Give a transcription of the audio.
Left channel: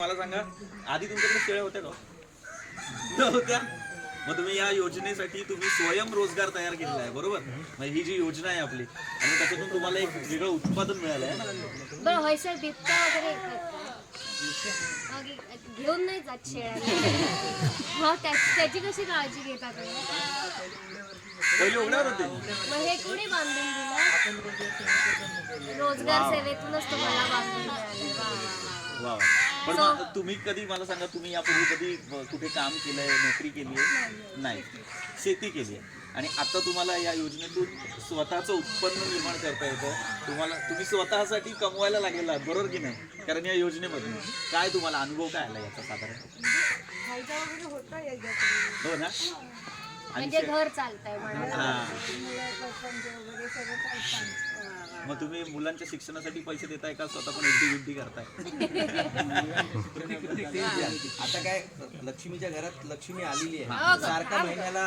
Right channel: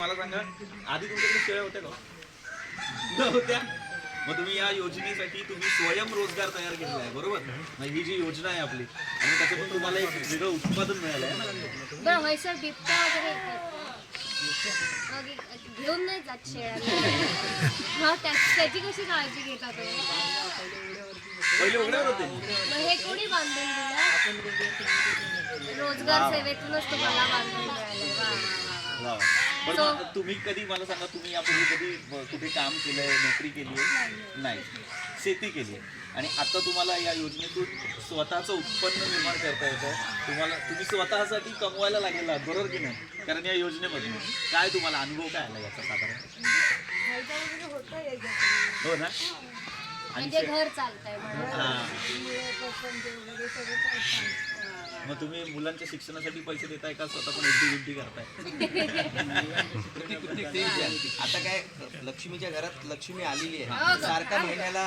मला सांगा, आधी तुमच्याकडे शेळ्या होत्या का? नव्हत्या. मग तुम्ही या योजनेसाठी तुम्ही स्वयंरोजगार तयार केलेला आहे, बरोबर? मग ही जी योजना आहे आपली आणि त्याच्यातून तुम्हाला एक वेगळं उत्पादन मिळालं आहे ना. बरं होय सर, बिबट्या वगैरे येतात का? घेऊन नाही जात शेळ्या. हा, त्याची कशी काळजी घेतात? पहिले उघड्यावर होते. मग हे कोणी बांधून दिलं? रोजगार सेवेतूनच तुम्हाला बांधून मिळालं. वा. पण मग तुम्ही कधी मला सांगा, तुम्ही यापूर्वी कधी कुठे काम केलंय, नोकरी केली आहे? नाही. शेती केली आहे आणि आता तुम्हाला या योजनेतून स्वतःचं उत्पन्न निर्माण करता येतं. तुम्ही स्वतःसाठी कमवायला लागलेला आहात, बरोबर की नाही? कारण या योजनेमधून काय तुम्हाला अनुभव काय आला याचा साधारण? हो ना. म्हणजे घर चालतंय म्हणून. मग तुम्ही मुलांच्या शिक्षणासाठी पैसे देताय का स्वतः पण एफडी करताय? आता काय लक्ष्मीच्या घरात लक्ष्मी आलेली आहे, सारखा महिन्याला